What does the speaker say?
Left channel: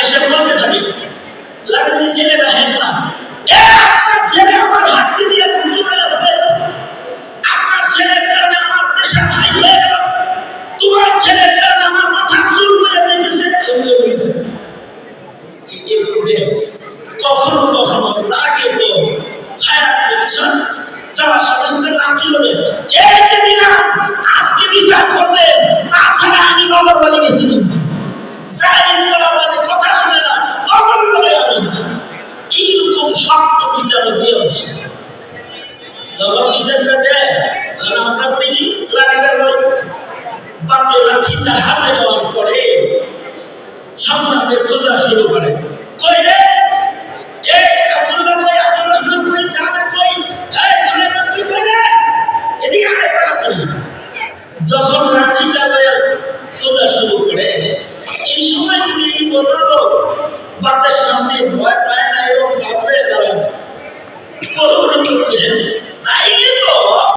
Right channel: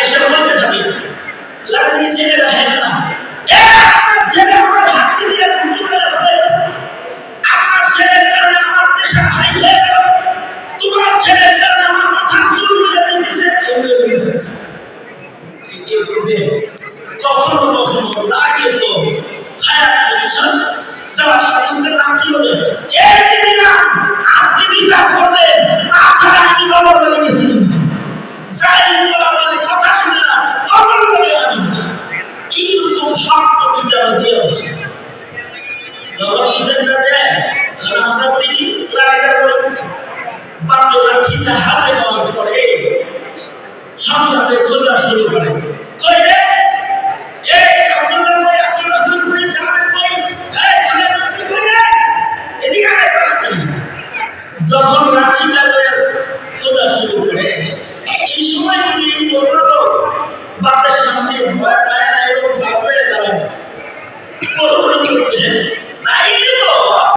আইসা বলতে থাকি লাগে ছেলেরা হেন না আপনার ছেলে আমার হাতে দিয়ে আপনার ছেলের কারণে আমার প্রেশার হাই হয়ে গেল, তোমার ছেলের কারণে আমার মাথা চুল হয়ে যাচ্ছে। কখনো কখনো লাগে তো হায়াত পজিশন যাওয়ার সাথে সাথে নাম ছিল এই দিদিরা আজকে বিচার করবে, তাছাড়া আমি বাবার বাড়ি গেছি কিন্তু যাই বলা বলে কথা শুনে না বাবার বাড়ি আমি এইরকম শক্ত বিচার দিয়ে বসে যখন বিচারটা দেয় তখন আমরা করি কি লাঠিটা করি বাপে লাঠিটা হাতে নেওয়ার পরে সংগ্রামে খোঁজা শুরু করে কই রে যখন লাঠিটা খোঁজা শুরু করে এই সময় যদি এই বদল বাপের সামনে ভয় পায় না এবং বাপের দাঁড়ায়